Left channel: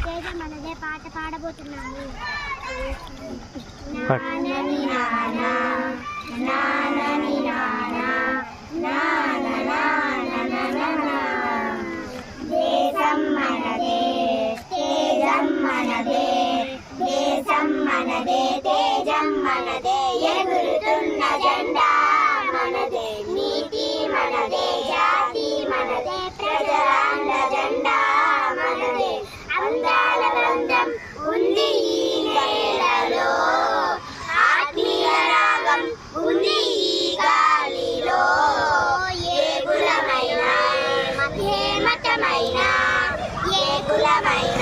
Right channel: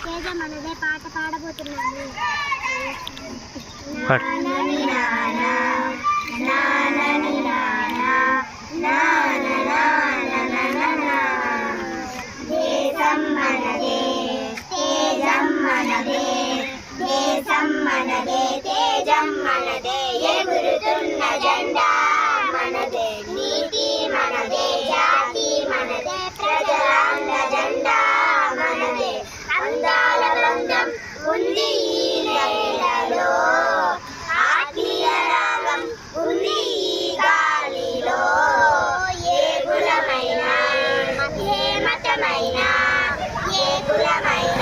తేజ మనదే పాట పాడబోతున్నాను. పాడు. నానని నానా, నానని నానా, నాన నాననననా. దేశం మనదే, తేజం మనదే, దేశం మనదే, తేజం మనదే, ఎగురుతున్న జెండా మనదే, నీతి మనదే, జాతి మనదే, ప్రజలాంద జెండా మనదే. అందాల బృందం ఉంది ఈ నేలలో, ఆత్మీయ రాగం ఉంది ఈ గాలిలో. ఏ కులమైనా, ఏ మతమైనా, ఏ కులమైనా